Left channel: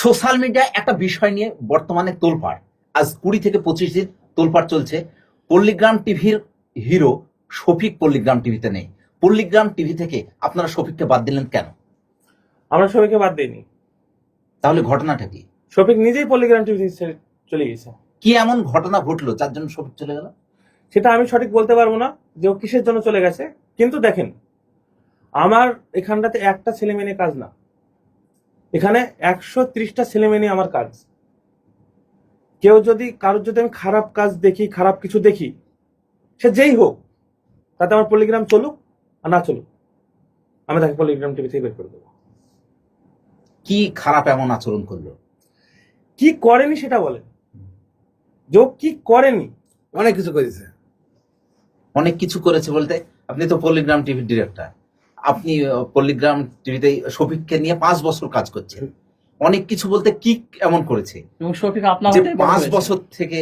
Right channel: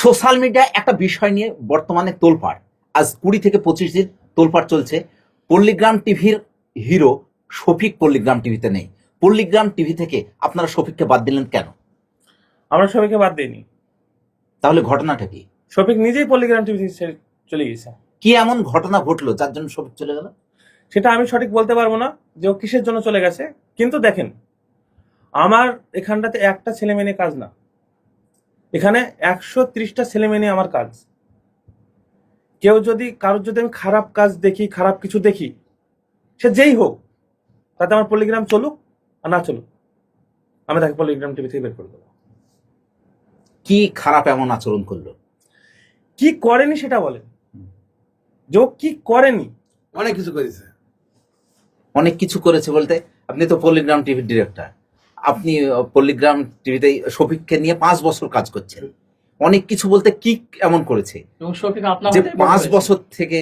Social মিডিয়ায় একটা বিষয় নিয়ে বর্তমানে তোলপাড়। আজ কুড়ি থেকে পঁচিশ দিন তোলপাড় চলছে। পল্লীগ্রাম টিভির হিরো শফিক পল্লীগ্রাম টিভিতে নেই। পল্লীগ্রাম টিভি থেকে আপনারা শফিককে বাদ দিলেন কেন? আমরা শফিককে বাদ দিইনি। তাহলে ঘটনাটা কি? শফিক নিজেই পল্লিগ্রাম টিভি চলে গেছে। কি এমন ঘটনা ঘটলো যার জন্য শফিক চলে গেল? সেটা আমি সঠিক বলতে পারব না যে ও কিসের জন্য চলে গেছে। কিন্তু দেখেন আমার এখানটাতে একটা ছেলে মেয়ে কাজ না। এখানে একশো ত্রিশটা ছেলে মেয়ে নিয়ে আমার কাজ। কেউ যদি কারোর যদি আমি খারাপ কাজ দেখি খারাপ কিছু দেখি সে যেই হোক তাতে আমার পলিগ্রাম চলুক আর না চলুক আমি তাকে পলিগ্রাম টিভি থেকে বের করে দেবো। কি খারাপ এমন আচরণ করল? কি করেনি সেটা বলে। যে ও কি করেনি? অনেক কিছু করেছে। অনেক কিছু করেছে বলতে আপনি তো পল্লীগ্রাম টিভির ডিরেক্টর আপনি পল্লীগ্রাম টিভিতে শফিককে নিয়ে পাঁচ বছর কাজ করছেন। অনেক কিছু বলতে কি এমন করেছে? এবং শফিক আপনার পাঁচ বছর থেকে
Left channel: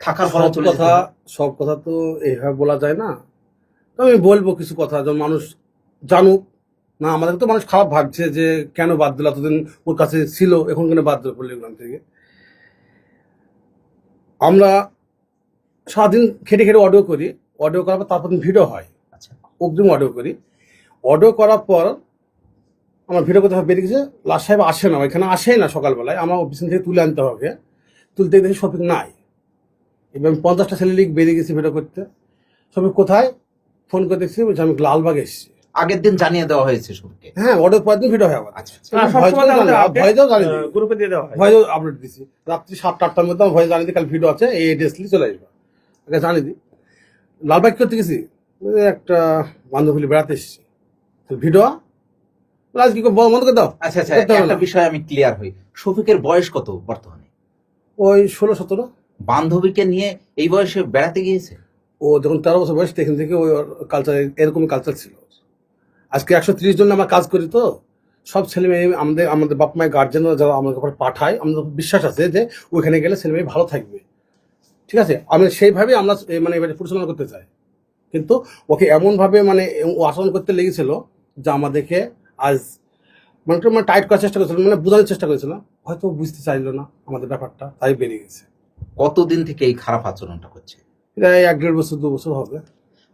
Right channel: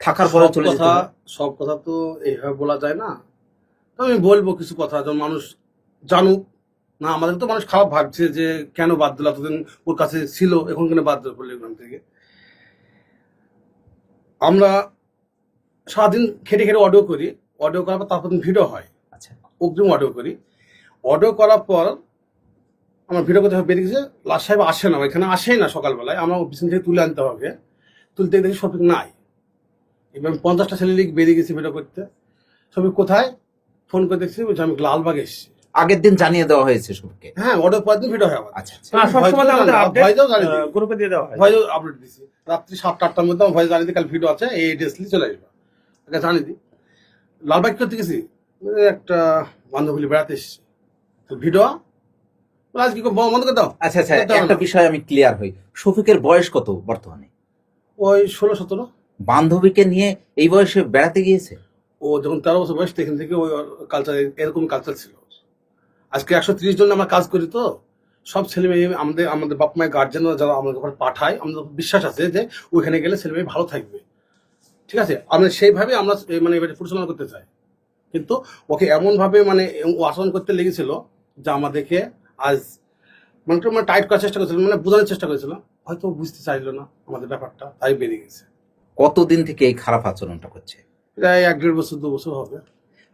থাকার পরে চলে কথা সব কথা তো এইভাবে বলা যায় না। তো আমি বলব কিছু কথা যেমন মানুষ জানুক। না আমাদের তো মানুষ খারাপ ভাবছে যে কেন বাদ দিল এতদিন ওর কাছে ছিল এখন কেন বাদ দিল পল্লিগ্রাম থেকে? আমরা সারাদিন খেটে খেটে অডিও করি অডিও করার পর তারপর ভিডিও হয়। আচ্ছা। অগ্রিম অডিও করি। অডিও করার পর আমার ভিডিও করতে বেরিয়ে গেছে। লাস্ট সাহেব আসে না এখানে আসেই না সকালবেলায়। আমার অফিস থেকে তুলে আনতে হবে। তুলতে দেখি শপিং নাই। এবং পঞ্চাশটা ছেলে লিগ বেরিয়ে গেছে ভিডিও করতে। শপিং কোথায়? ফোন করে দেখছি বলছে আমি লালবাগ এসেছি। আগের দিন জানিয়ে দেওয়া হয়েছে শফিককে হ্যাঁ অর্ডার করার দিন ভিডিও হয় আচ্ছা আচ্ছা। গ্রুপে দিয়ে দেওয়া হয়। ভয়েস আপলোড দিছি। রাত্রি সাতটা আটটার মধ্যে আমার ভয়েস জানিয়ে দিই কাল ভিডিও আছে এই ড্রেস নিয়ে চলে আসবে। ওকে জানিয়ে দিই। লালবাগ করতে গেছি? একটা বান্ধবী বেড়াতে এসেছি। তো ভিডিও আজ কি বন্ধ করে দাও। আচ্ছা আচ্ছা একটা বিষয় আমি ক্লিয়ার হই। শফিকের বয়স কত বর্তমানে? ওই ষোলো সতেরো। বান্ধবীকে নিয়ে এই বয়সে বেড়াতে গিয়েছে? ও যখন তেরো বছর বয়স তখন থেকে ওই কালচার এরকম কালচার ছিল। আজকে একশো তিরিশ জন আমরা কাজ করি তো সব ছেলে মেয়ে আমাদের আমাদের বাপ মায়ের গার্জেনরা যারা আমাদের উপর পাঠায় আমাদের বিশ্বাস আছে যে ওইখানে গেলে ছেলে মেয়ে ভালো থাকবে। ঠিক আছে? আমরা সেইভাবে আমরা মানে এবারে পরিচালনা করতে চাই। কিন্তু ওকে এমনভাবে মানে ও আচরণ করতে লেগেছিল যে আমাদেরকে আজ মানে মানে টাইট করার চেষ্টা করেছিল মানে বোঝানোর চেষ্টা করেছিল হয়তো বুঝতে চাইলো না আমাদের ব্যাপারটা তাই বেরিয়ে গেছে। কতদিন থেকে এই খারাপ আচরণটা করছে প্রায় এক দেড় বছর দু বছর হবে।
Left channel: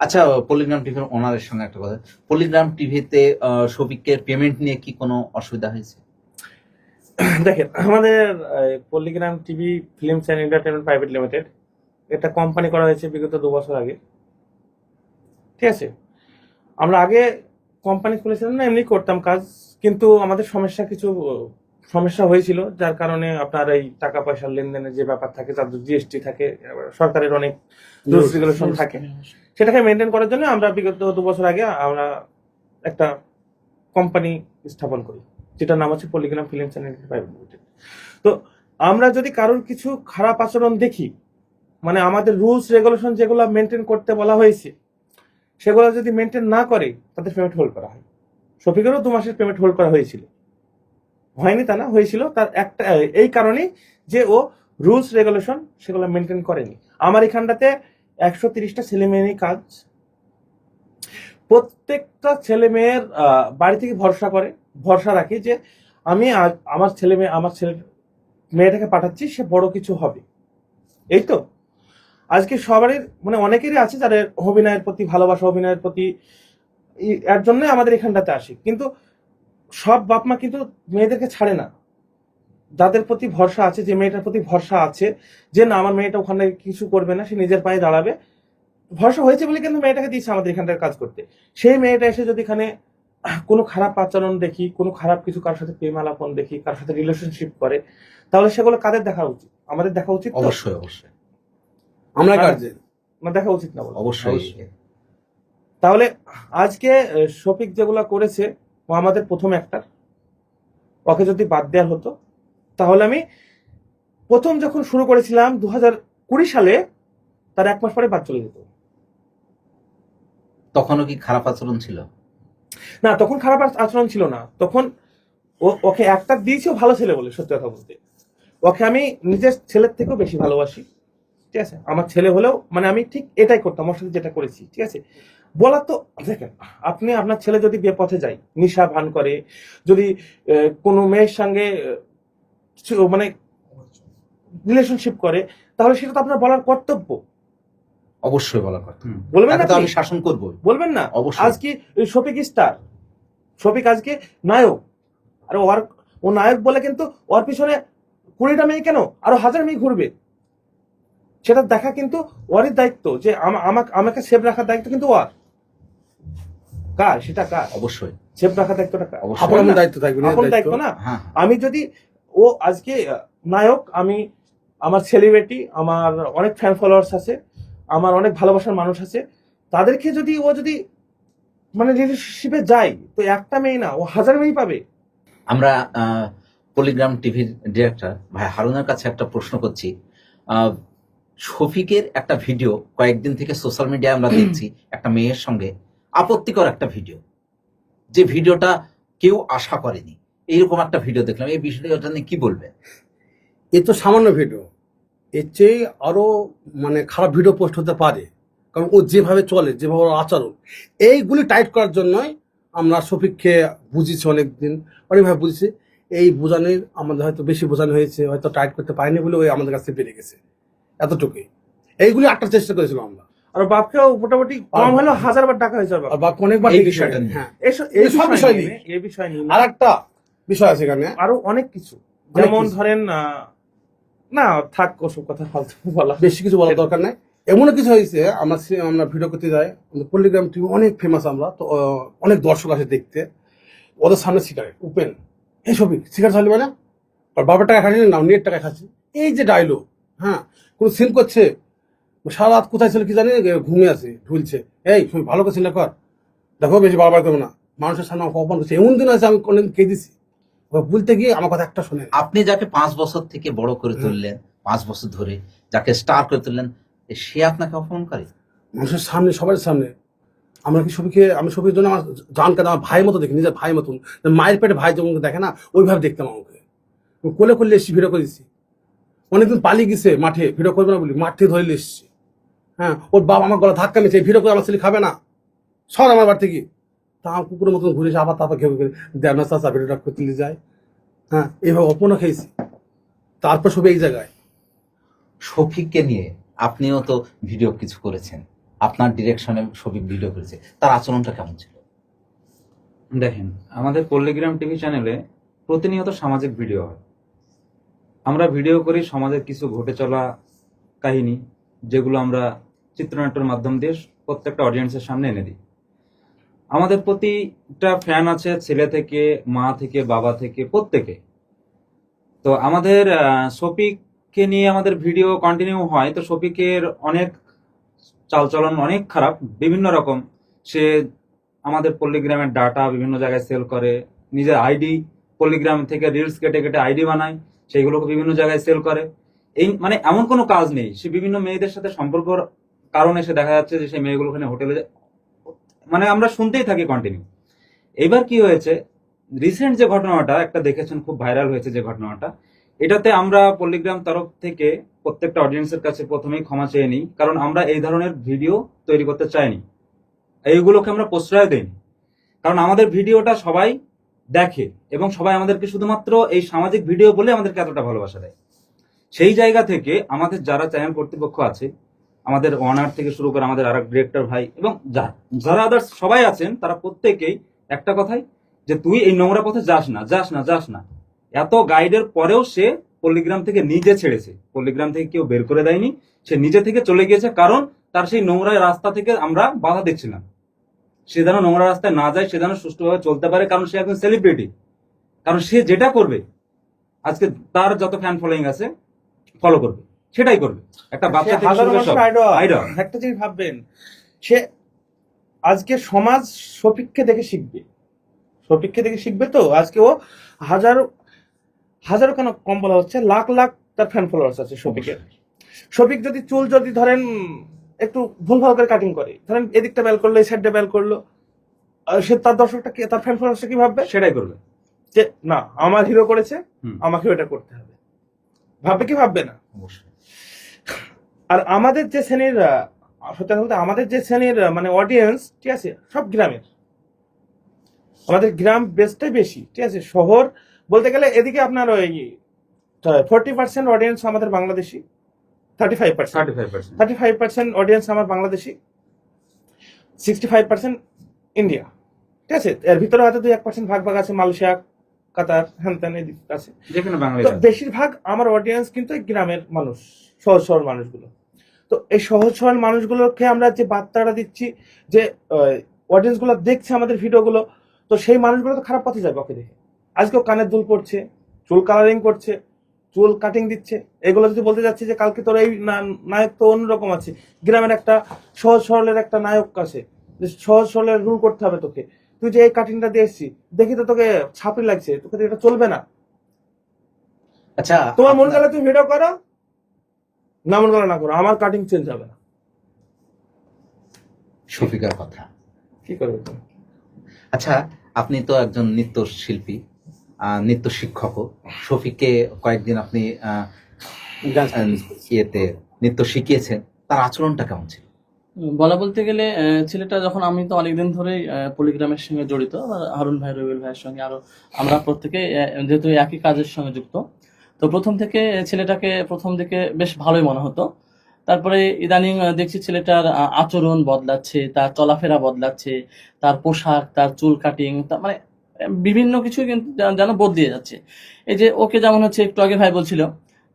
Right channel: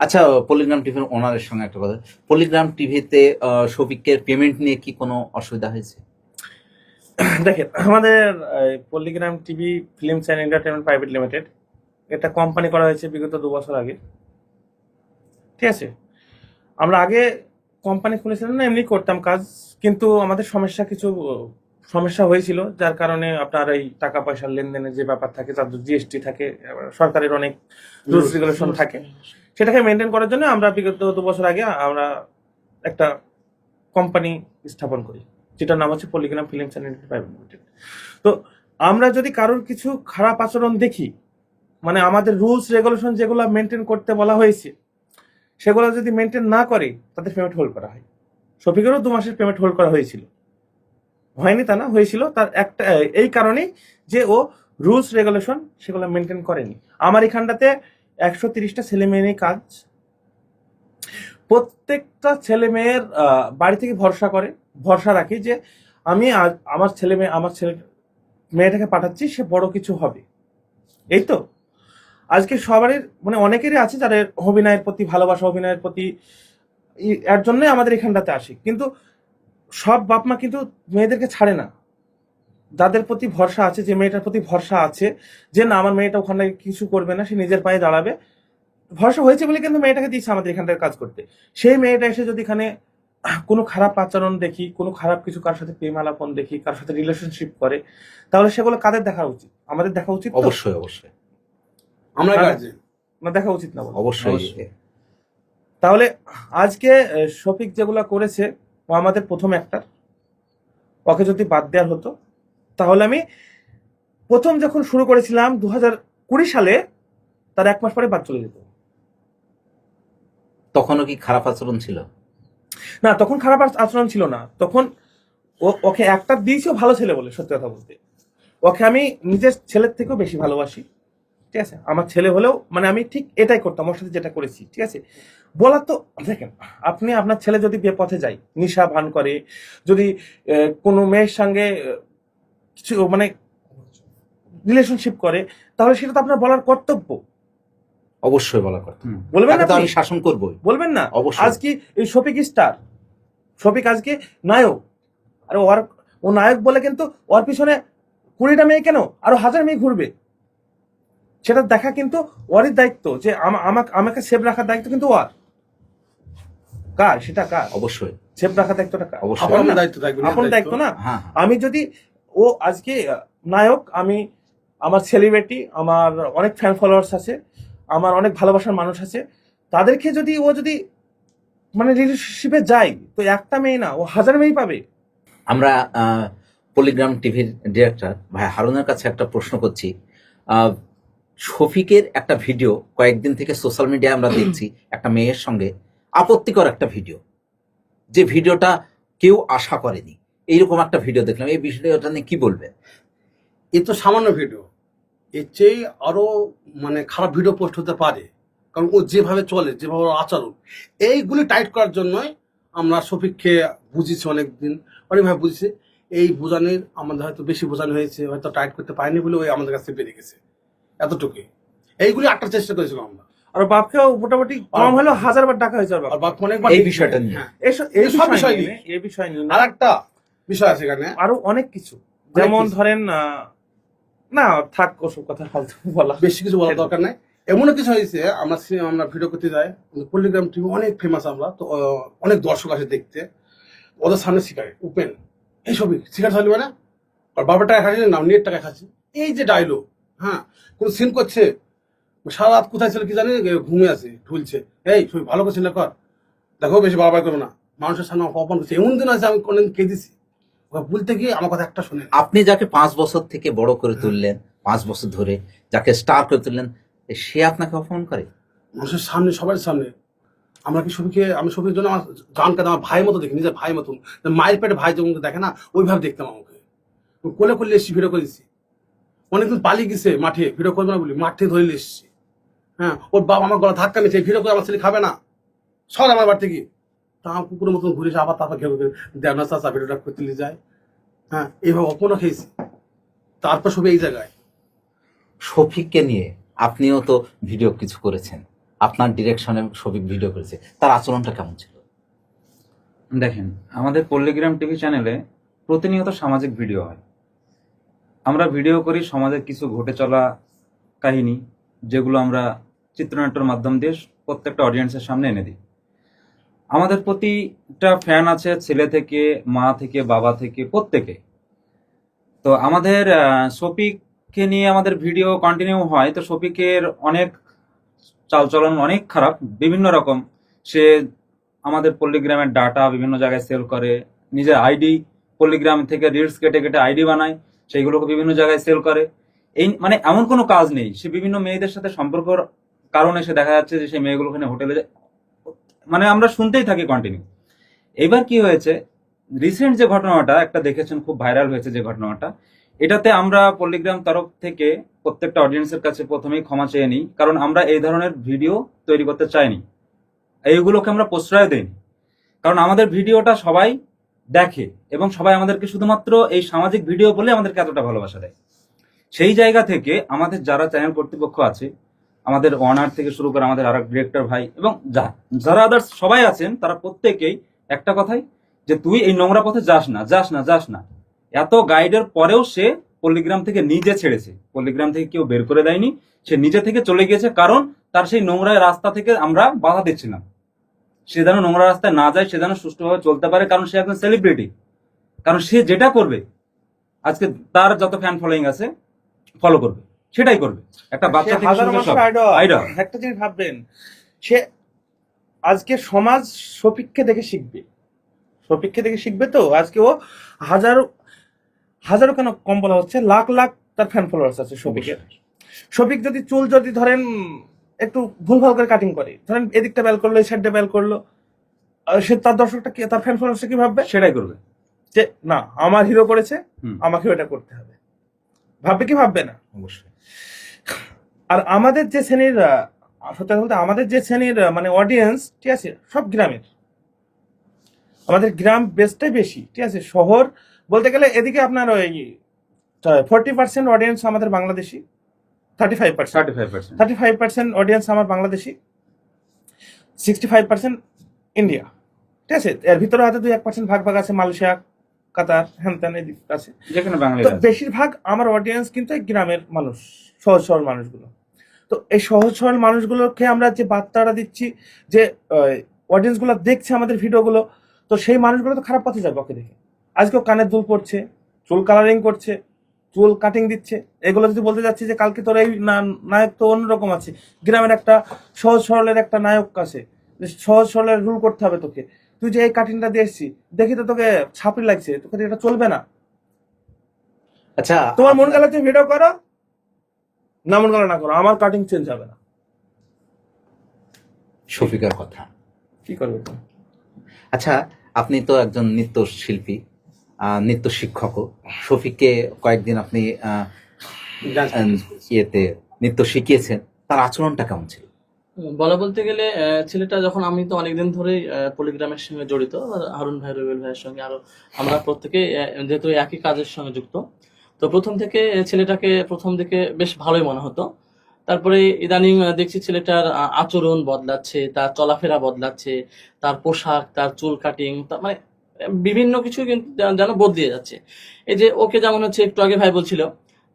আচ্ছা পলিগ্রাম টিভির ওনারের সঙ্গে একটা কথা। পলিগ্রাম টিভিতে শফিকের পেমেন্ট নিয়ে কি কোনো অসুবিধা হয়েছে? দেখেন আমাদের আহ, Palligram TV films and entertainment private limited এটা কোম্পানি করা হয়েছে বিগত দু বছর আগে। ঠিক আছে? আমরা আগে কোম্পানি খুলেছিলাম না এমনি করতাম কাজ। কিন্তু আমাদের সমস্যা কিছু সমস্যা হয়েছিল যার কারণে আপনার এই টাকা পয়সার লেনদেনের যে ব্যাপার থাকে তাদের জিএসটি থাকে সরকারের অনেক রুলস রেগুলেশন থাকে। সেটাকে মেনটেন করার জন্য আমরা বিগত দু বছর আগে আমরা একটা কোম্পানি স্থাপন করি যেটার নাম হচ্ছে Palligram films and private limited তো আমরা যদি কারোর কিছু খারাপ আচরণ দেখি মানে আমাদের রুলস রেগুলেশন যেগুলো মেনটেন করতে বলা হয়েছে সেগুলো যদি মেনটেন না করে, তাদের পেমেন্ট হোল্ড করা হয়। শফিকেরও দু মাসের পেমেন্ট হোল্ড করা হয়েছিল। হয়নি তা না, হয়েছিল। তার একটা, এই কারণেই যে ও রুলস রেগুলেশন সেগুলো মেনটেন করেনি। আমার এখানটাতে একশো তিরিশটা ছেলে মেয়ে নিয়ে কাজ। প্রত্যেকটা ছেলে মেয়ের বাড়ি থেকে ভরসা করে। ভরসা রাখি যে আমি আমার ছেলে মেয়ে, আমার ছেলে মেয়েটাকে পাঠাচ্ছি, সে বড় কিছু হবে। এই তো? আজকে সবারই মানে অনেকেরই আছে যাদের অভিনয়ের প্রতি ভালোবাসা, অভিনয়ের প্রতি এর জন্যই আমাদের এখানটাতে আসি। কিন্তু সব বাপ মা কিন্তু মেয়েদেরকে ছাড়ে না। যাদের প্রতি ভরসা আছে, যে মেয়েটার প্রতি ভরসা আছে, যে না, আমার মেয়েটা ওখানে কিছু করবে না, সে নিজের পায়ে দাঁড়াবে। ভরসা হয়েছে বলে কিন্তু মেয়েটাকে দিচ্ছে আমাদের এখানটার কাজ করতে। সেই মেয়েটা এসে যদি এখানে কোনো খারাপ আচরণ দেখি, কোনো খারাপ কিছু কার সাথে প্রেম আলাপন দেখি কার সাথে রিলেশনশিপ করে, তাহলে সেগুলো কাদের দেখা উচিত? আমাদের দেখা উচিত অবশ্যই অবশ্যই। আমরা হ্যাঁ। গার্জেন না দেখা উচিত না? অবশ্যই। তাহলে আজকে শফিক যেগুলা করেছে ও আমাদের প্রথম একটার ওকে যদি বাদ দেওয়ার হতো তাহলে আমি প্রথম যখন শুরু করেছিলাম দু হাজার কুড়ি সালে তার এক মাস পরে বাদ চলে যেত। তখনও কি খারাপ আচরণ ছিল? না তখন খারাপ আচরণ ছিল না। তখন ওকে একটা দিয়েছে ভালো ছেলে বলে সত্যি কথা বলতে। ওকে আমি নিজের ছেলের থেকেও বেশি ভালোবাসি। ঠিক আছে? আমার ছেলে হলেও মানে আমি ঠিক এটাই করতাম ওর সাথে যেটা করেছি ঠিক আছে? বলা তো দেখেন আপনি আপনার ছেলে যদি বিয়ে পথে যায় নিশা ভান করে যদি কোনো মেয়ের সঙ্গে কিছু মানে রিলেশনশিপ করে তাহলে সেটা তো আপনার বলার কর্তব্য। অবশ্যই বলা কথা বলবেন না আমি শাসন করবই। বলবেন না? অবশ্যই। আজকে এই শফিক স্টার শফিক আজকে নায়ক। আরে ওর ও নায়ক বলে কিন্তু ওর পিছনে কুড়িটা মেয়ে কেন? আরও হাজার মেয়ে ঘুরবে। সেটা দেখা কিন্তু ওরই দায়িত্ব যে আমা- আমাকে আমাকে সেভ রাখার দায়িত্ব কিন্তু ওর। কার? সেটা কার? অবশ্যই। সেভ রাখার দায়িত্বটা কার? আপন দায়িত্ব না হ্যাঁ আমি যদি ও আজকে নায়ক আমি আমার সেলিব্রিটি আমার অনেক ফ্যান ফলোয়ার্স আছে আমার অনেক ভালোবাসার মানুষ আছে তাদেরকে যদি ও যদি মানে রিলেশনশিপে যায় তো একটা মেয়ে না ও হাজার মেয়ে পাবে। আমরা আহ, পলিগ্রাম টিভির ডিরেক্টর ভাই হারুনের কাছে একটা প্রশ্ন করছি। আহ, শফিকের একটা ভিডিও কয়েকদিন থেকে সোশ্যাল মিডিয়ায় আমরা দেখছি, একটা মেয়ের সঙ্গে আপত্তিকর একটা ভিডিও যে ভিডিওটা কেউ আশা করেনি। এইরকম একটা ভিডিও দেখলাম। এই ভিডিওটা নিয়ে কি বলবে? এ তো সামান্য ভিডিও এর চেয়ে আরও মানে খারাপ ভিডিও পোস্ট হতে পারে। কারণ ও যেভাবে চলে, যেভাবে আচরণ, এইগুলি টাইট করার জন্যই আমরা শফিককে বুঝিয়েছি অনেকদিন। অনেকভাবে বুঝেছি এই বোঝানোর আমাদের হয়তো বেশি বোঝানো হয়েছে, হয়তো টাইট করতে পারিনি বলে ওই আমাদের কাছে বেড়ে গেছে। এতটুকুই। এইগুলি আটটার চেষ্টা করেছিলাম আমরা। আর বাপকেও মোটামুটি কম হলেও হাজার বার টাকা হয়েছে বাপ আর বাপ অনেকবার এই বিষয়টা নিয়ে। হ্যাঁ। এই সব বিষয় বিষয় নিয়ে। এই বিষয় নিয়ে আর একটা বিষয় আছে এখানে। আরও অনেক কিছু। যেমন ধরেন না থাক ওসব কথা ফালতু বলা বেশি কিছু বলার দরকার নাই। এমন কিছু হয়েছে আমরা আমরা ভিডিও করতে যাই পল্লিগ্রাম টিভি অনেক ফেমাস আমরা তো অনেক দর্শক আসে দেখতে। ওদের সামনে সিগারেট উপেন এই ছবি সিগারেট খালি মানে বাবার টাকা খাচ্ছি না নেট টাকা খাচ্ছি এই যে ডায়লগ হ্যাঁ কোন সিন করছে? সারা রাত কোথায় ছিল কি জানি? ঘুমিয়ে আছে ঢুলছে। এই ছবি ভালো করছি না কর। দেখো বেশি বারবার করবে না। মানুষের সামনে আমাকে অপমান করছে। এমন দিন আছে আমি কোনদিন কেঁদেছি। ওকে বলতে গিয়ে আমার কথা একটা শুনে। আপনি যাকে পাঁচ বছর থেকে বড় করে তুললেন পাঁচ বছর ধরে যাকে স্টার করে তুললেন সে আপনাকে অপমান করে? মানুষের সামনে সবার সামনে। আমরা কি সবইকে আমি সবির জন্য আমার জান কাদা আমার ভাই মতো দেখি নিজের ভাই মতন। মায়ের পেটে ভাই যখন দেখে না ওইভাবে দেখতাম আমাকে। আমি কোলে করলে এসছি ভিডিও করেছি অনেকদিন পালিয়ে গেছে মাঠে ভিডিও করবে না বলি মাঠে ধরে এসছি। হ্যাঁ ওর বাবা আমার গলা ধাক্কা মেছে ভিডিও করে আমার ছেলে খাবে না। সর আমার বাড়ি থেকে। তা আমার কুকুরের মতন ঘুরেছে আবার তারপর ঘেউ ঘেউ দেবনা চাষা ভিডিওটা করতে নিয়ে যায়। হ্যাঁ এইভাবে অপনও খেয়েছি। তারপর সবে এই জায়গায়। শফিককে নিয়ে আপনিও তো ভিডিও কিছু করেছেন। আপনার ডিরেকশনে শফিক ভিডিও করেছে। তার আচরণটা কেমন ছিল? দেখেন আমাদের পল্লিগ্রাম টিভি চ্যানেলে প্রতিনিয়ত সামাজিক ভিডিও হয়। আমরা ভিডিও করি সমাজের কিছু ঘটে চলা কাহিনী, যেগুলো আমরা চিত্রনাট্যের মাধ্যম দিয়ে প্রত্যেকটা অডিয়েন্সের সামনে এনে দিই। আমাদের প্রতিটা ফ্যান আছে ছেলে থেকে, মা থেকে, বাবা থেকে, প্রত্যেকে। তো আমাদের শফিককে নিয়ে আমাদের ভিডিও কন্টিনিউ হয়, তো শফিকের অনেক চালচলন অনেক খারাপ, বিভিন্ন রকম। সে আমাদের পল্লিগ্রামের ডাটা বিভিন্ন জায়গায় সেল করে, নিজের আইডি পল্লিগ্রাম থেকে রিলস কেটে কেটে আইডি বানায়। সেইগুলোকে বিভিন্ন জায়গায় সেল করে। এই মানে এমন কোনো কাজ নেই। সে বিভিন্ন মেয়েদের সাথে সম্পর্কর কারণে সে দেখা যাচ্ছে যে সেই মেয়েগুলো ওখানে হোটেলে মানে আমরা শুনতেই থাকি কন্টিনিউ এবার কি হয়েছে? রিসেন্ট যে ঘটনাটা, একটা দেখেছেন, খুব ভাইরাল হয়েছে যে ঘটনাটা। এটাতে আমরা পল্লিগ্রাম তরফ থেকে প্রত্যেকটা অডিয়েন্সের কাছে প্রথমেই ক্ষমা চেয়ে নিই। কারণ আমরা এই ধরনের ভিডিও তৈরি করতে চাইনি। এইগুলোকে আমরা প্রশ্রয় দিই কারণ আমাদের ভিডিওটা সবাই দেখে এবং সবাই আমাদেরকে শুধুমাত্র এই সামাজিক ভিডিও বলে আমাদেরকে এতটা ভালোবাসা দেয়। সেই জায়গা থেকে আমাদের যারা চ্যানেল কর্তৃপক্ষ আছে, আমাদের অনার থেকে শুরু করে আমাদের আরেক ডিরেক্টর ভাই এবং যা- যারা আদার্স সবাই আছেন, তারা প্রত্যেকেই একটা কথাই যে তুই এই নোংরা পথে যাস না যাস না যাস না। এত গাইডের পরেও সে পল্লিগ্রাম থেকে নিজে ছেড়েছে। পল্লিগ্রাম থেকে কেউ বের করে দেয়নি, সে নিজে থেকে চলে গিয়েছে কারণ তার সেই নোংরা রাস্তা থেকে আমরা বাধা দিচ্ছিলাম। সে যেন নোংরা রাস্তায় না যায় সে যেন সুষ্ঠুভাবে চলতে পারে কারণ সে একজন সেলিব্রিটি কারণ সে যেটা করবে আজকে তার যত ফ্যান ফলোয়িং আছে ফলো করবে সেটাই করবে। একটা বাচ্চা হাজার। আইডল একটা জিনিস ভাববেন সে আজকে সমাজ শফিককে দেখে শিখবে। শফিককে দেখে শিখবে তো আজকে ও হাজারো হাজারো কেন কম বলা হচ্ছে লাখ লাখ তার ফ্যান ফলোয়ার্স আছে শফিকের। শফিক যদি চুল যদি ধরেন একটু ভুলভাল করে কাটিং করে। ধরেন এদিকটা বেল করল এই সাইডটা বেল করল। আর সে তার দর্শকটা কি তার ফ্যান ফলোয়ার্সটা কি ভাববে? সেটাই করবে। যে না আমার হিরো করেছে। আমাকে এটা করতে হবে। ভাববে কি ভাববে না? অবশ্যই। আর আমাদের যে শ্রেণির সত্যি বলতে আমাদের যে শ্রেণির মানে অডিয়েন্স ঠিক আছে সব গ্রামের। আমাদের গ্রাম বেসটাই বেশি ঠিক আছে শহর বলতে গেলে এদিকে আপনার ওই ফোরটি পার্সেন্ট অডিয়েন্স আমাদের Bangladeshi. Thirty five percent thirty five percent thirty five percent audience আমার Bangladeshi sixty five percent India ঠিক আছে? এর ভিতরে হয়তো দুই এক পার্সেন্ট ভাগ ভাগ আছে মালয়েশিয়া কাতার হ্যান ত্যান এদিক আছে। যেখানে বাঙালি বেশিরভাগ আমার অডিয়েন্স কিন্তু গ্রামের মানুষ সহজ সরল মানুষগুলো। তো এই সহজ সরল মানুষগুলোকে আমরা যে বার্তাটা দিচ্ছি যে অডিয়েন্সগুলো দেখছে আমাদের ভিডিওগুলো তো সেই মানুষগুলো তো খারাপ পথে যাবে ওকে দেখে। আজকেও কানের দুল পড়ছে চুল কালারিং করছে চুল কাটিং দিচ্ছে। এগুলো যদি বলতে যাচ্ছি যে কালকে তোর এই নায়ক তো অন্যরকম আছে। গ্রামের একটা সহজ সরলের একটা নায়ক আছে। সহজ সরলের রুল করতে হবে তোকে। তুই যে এই কাটিংটা দিয়ে এসছি দেখি তো তোকে ছাপড়ি লাগছে। তোকে এটা চলবে না। আচ্ছা তোমার মন গেলে তুমি ভিডিও করো। না মন গেলে না করো আমার কাটিং চেঞ্জ হবে না। শফিকের কথা। কি করবে আচ্ছা আপনি তো একজন নৃত্য শিল্পী নৃত্য শিক্ষকও। শফিককে কয়েকদিন আপনি ইয়েতে নৃত্য শিখিয়েছেন। তার আচরণটা কেমন ছিল? বলা বলতে গেলে ছেলেটা যখন আমি তো অনেকদিন ধরেই পলিগ্রামের সঙ্গে জড়িত হারুন ভাই রবিউল ভাইয়ের সঙ্গে আরও আমরা প্রত্যেকে যেহেতু একই কাজের সঙ্গে যুক্ত তো প্রথম থেকে ছেলেটাকে প্রথম দিকে বেশ ভালোই মনে হতো। তারপরে ইদানিং দেখছি ছেলেটার আচরণ বদলাচ্ছে তার চলাফেরা বদলাচ্ছে তার পোশাক তার চুল কাটিং মানে বিভিন্ন কিছু কিন্তু যেন- বদলিয়ে বদলে যাচ্ছে। এই যে ওকে যেমন হচ্ছে একটু আগে ভাই বলছিল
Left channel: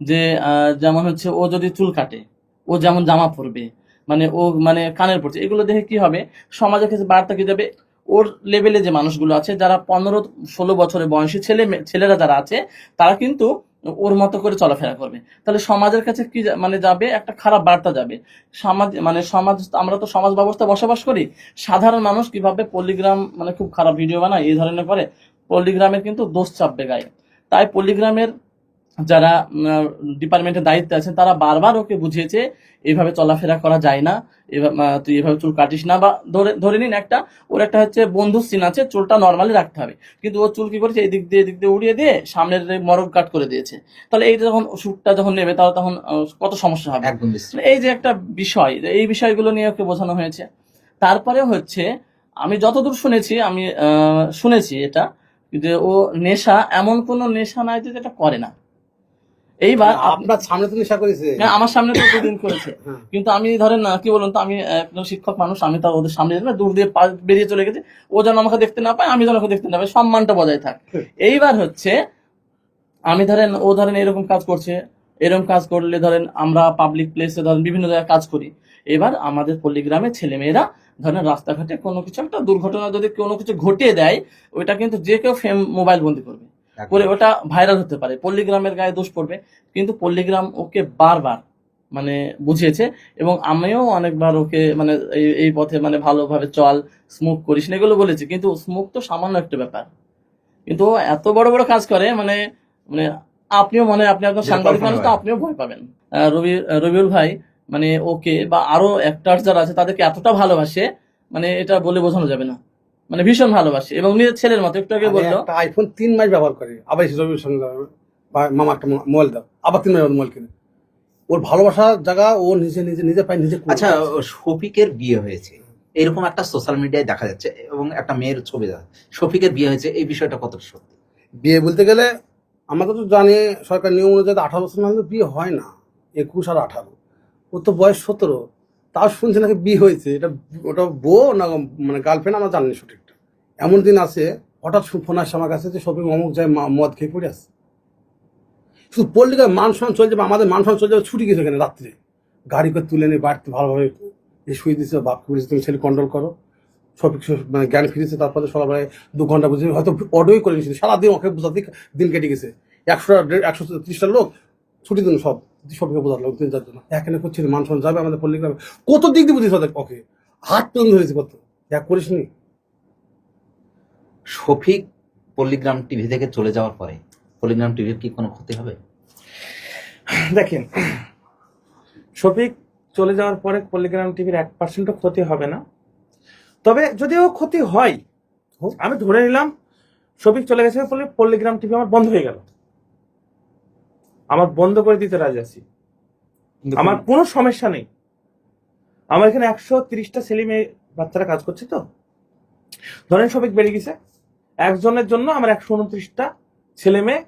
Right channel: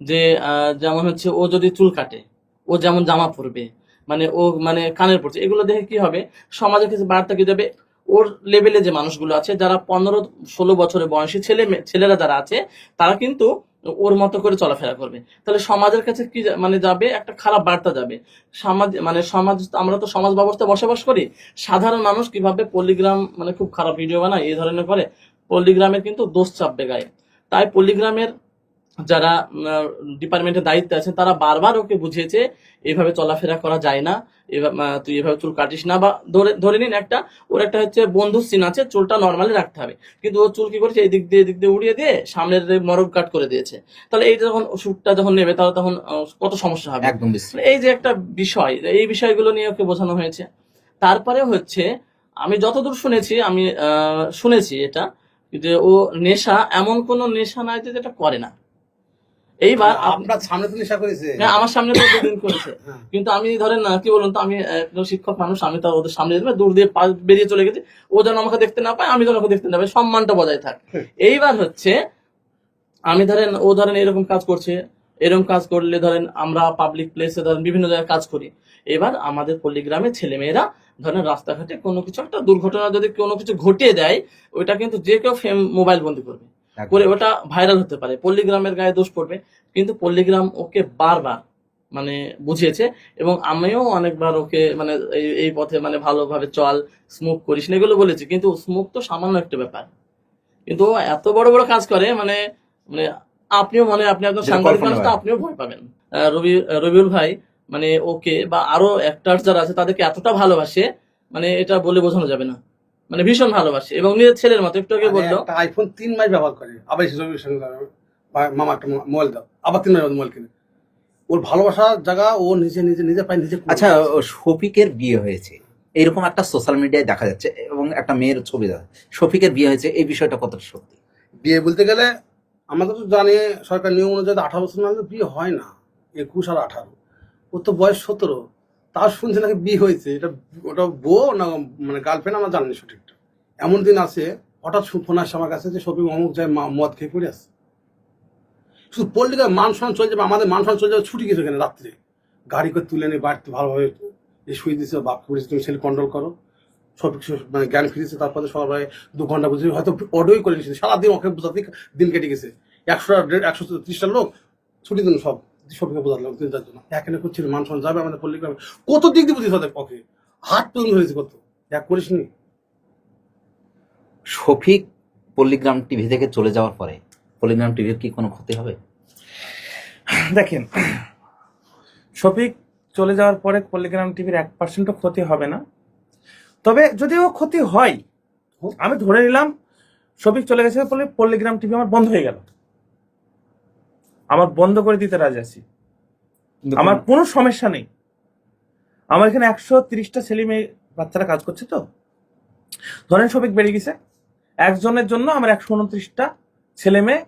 যে যেমন হচ্ছে ও যদি চুল কাটে, ও যেমন জামা পরবে মানে ও মানে কানের পড়ছে এগুলো দেখে কি হবে? সমাজের কাছে বার্তা কি যাবে ওর লেভেলে যে মানুষগুলো আছে, যারা পনেরো, ষোলো বছরের বয়সী ছেলে ছেলেরা যারা আছে, তারা কিন্তু ওর মতো করে চলাফেরা করবে। তাহলে সমাজের কাছে কি মানে যাবে? একটা খারাপ বার্তা যাবে। সমাজ মানে সমাজ, আমরা তো সমাজ ব্যবস্থা বসবাস করি। সাধারণ মানুষ কীভাবে পল্লিগ্রাম মানে খুব খারাপ ভিডিও বানায়, এই ধরনের করে পল্লিগ্রামের কিন্তু দোষ চাপবে গায়ে। তাই পল্লিগ্রামের যারা ডিপার্টমেন্টের দায়িত্বে আছেন তারা বারবার ওকে বুঝিয়েছে এইভাবে চলাফেরা করা যায় না তুই এভাবে চুল কাটিস না। বা ধরে ধরে নিন একটা ওর একটা হচ্ছে বন্ধু সিন আছে চুলটা নর্মালি রাখতে হবে। কিন্তু ও চুল কি করেছে? এই দিক দিয়ে এদিক দিয়ে উড়িয়ে দিয়ে সামনের মরগ কাট করে দিয়েছে। তাহলে এইটা যখন শ্যুটটা যখন নেবে তাহলে তখন কত সমস্যা হবে? একদম এই যে একটা বিষয় এই বিষয়গুলো নিয়ে ওকে বোঝানো হয়েছে। তারপরে হচ্ছে আমি যতদূর শুনেছি আমি শুনেছি এটা যে ও নেশা এমন কোন নেশা নাই যে যেটা করে না। এইবার আপনার সামনে তো নেশা করেছে। হ্যাঁ আমার সামনে তো দুদিন করেছে। হ্যাঁ। কিন্তু আমি ধরেন না কি বলুন তো আমি একজন শিক্ষক মানুষ আমি তার ওদের সামনে যেতে দূর দিয়ে বেরিয়ে চলে গেছি। ও যেন আমাকে দেখতে না পায় আমি যেন ওকে দেখতে না পাই সম্মানটা বজায় থাক। এইবার হচ্ছে আমি ধরেন ও ধরেন এরকম কাজ করছে এরকম কাজ করলে ধরেন আমরা পাবলিক প্লেসে ধরেন বিভিন্ন জায়গায় কাজ করি। এবার আমাদের পল্লীগ্রামের ছেলেমেয়েরা ধরেন রাস্তাঘাটে কোনো কিছু একটা দুর্ঘটনা যদি কোনো কিছু ঘটে দেয় ওইটা কিন্তু যে কেউ ফেম মোবাইল বন্দি করবে। করে ওটা ভাইরাল হতে পারে। পল্লীগ্রামের গায়ে দোষ পড়বে। কিন্তু পল্লীগ্রাম ওকে বারবার মানে বুঝিয়েছে এবং আমিও অনেকবার ওকে মানে এই পথে মানে ভালোভাবে চল স্মোক করিস না এগুলো বলেছি। কিন্তু স্মোক তো সামান্য একটা ব্যাপার। কিন্তু ও এত বড় বড় কাজ করে মানে মানে আপনিও মানে আপনি যেটা সাংবাদিক মানুষ তো আপনিও ভয় পাবেন। রবি রবিউল ভাই মানে ওকে বা আরও অ্যাক্টার যারা আছে তাদেরকে এতটা ভালোবাসে মানে এটা বলে বোঝানো যাবে না। মানে ভীষণ ভালোবাসে। এবং নিজের ছেলের মতো একটু আগে বলল। আইফোন তিন মাস ব্যবহার করে। আবার রবির সঙ্গে মামা একটা মো- মোবাইল দাও। আবার তিন মাস মোবাইল কিনে। ওর ভালোবাসার জায়গা ও নিজে নিজে নিজে পায় নিজে। আচ্ছা শফিকের বিয়ে হয়েছে। এরকম একটা সোশ্যাল মিডিয়ায় দেখা যাচ্ছে এবং একটা মেয়ের ছবি দেখা শফিকের বিয়ে হয়েছে এই বিষয়টা কতটা সত্যি? বিয়ে বলতে গেলে আমাকে তো জানে সরকার নিয়ম অনুযায়ী আঠারো বছর না বিয়ে হয় না। একুশ আর আঠারো। ওর তো বয়স সতেরো। তাও শুনছে নাকি বিয়ে হয়েছে। এটা ওটা বউ না মানে গার্লফ্রেন্ড আমার জানি সঠিকটা। এমন দিন আছে, হঠাৎ ফোন আসছে আমার কাছে যে শপিং অমুক যায় মদ খেয়ে পড়ে আসছে শুধু পল্লী মান সম্মান চলে যাবে, আমাদের মান সম্মান চলে যাবে, ছুটি গেছে এখানে রাত্রে। গাড়ি করে তুলে নিয়ে বাড়িতে ভালোভাবে এই শুয়ে দিচ্ছে বাপকে বলেছে, তুমি ছেলে কন্ট্রোল করো। সব কিছু মানে জ্ঞান ফিরেছে, তারপরে সকালবেলায় দু ঘণ্টা বুঝে হয়তো অর্ডারই করে নিয়েছিল সারাদিন ওকে বোঝাতে দিন কেটে গেছে। একশো একশো ত্রিশটা লোক ছুটি দিন সব। সবকে বোঝালো তিন চার জন এখানে করছিল মান যাবে আমাদের পল্লীগ্রামে কত দিক দিয়ে বুঝিস ওদের ওকে হাট পর্যন্ত হয়েছে কত? এক করিস নি। শফিক পল্লীগ্রাম টিভি থেকে চলে যাওয়ার পরে পল্লীগ্রাম টিভির কি কোনো ক্ষতি হবে? দেখেন শফিক চলে যাওয়ার পরে পল্লিগ্রাম টিভির এক পার্সেন্টও ক্ষতি হবে না। তবে যদিও ক্ষতি হয় আমি ধরে নিলাম শফিক চলে গেছে বলে পল্লিগ্রাম টিভি আমার বন্ধ হয়ে গেল। আমার বন্ধ করে দিতে রাজি আছি। আমার কোনো সমস্যা নেই। আমার এখানে একশো তিরিশটা ছেলে মেয়ে বাচ্চারা কাজ করছে তো। ধরেন শফিক বেরিয়ে গেছে। একজনের জন্য আমার একশো উনত্রিশটা ছেলে মেয়ে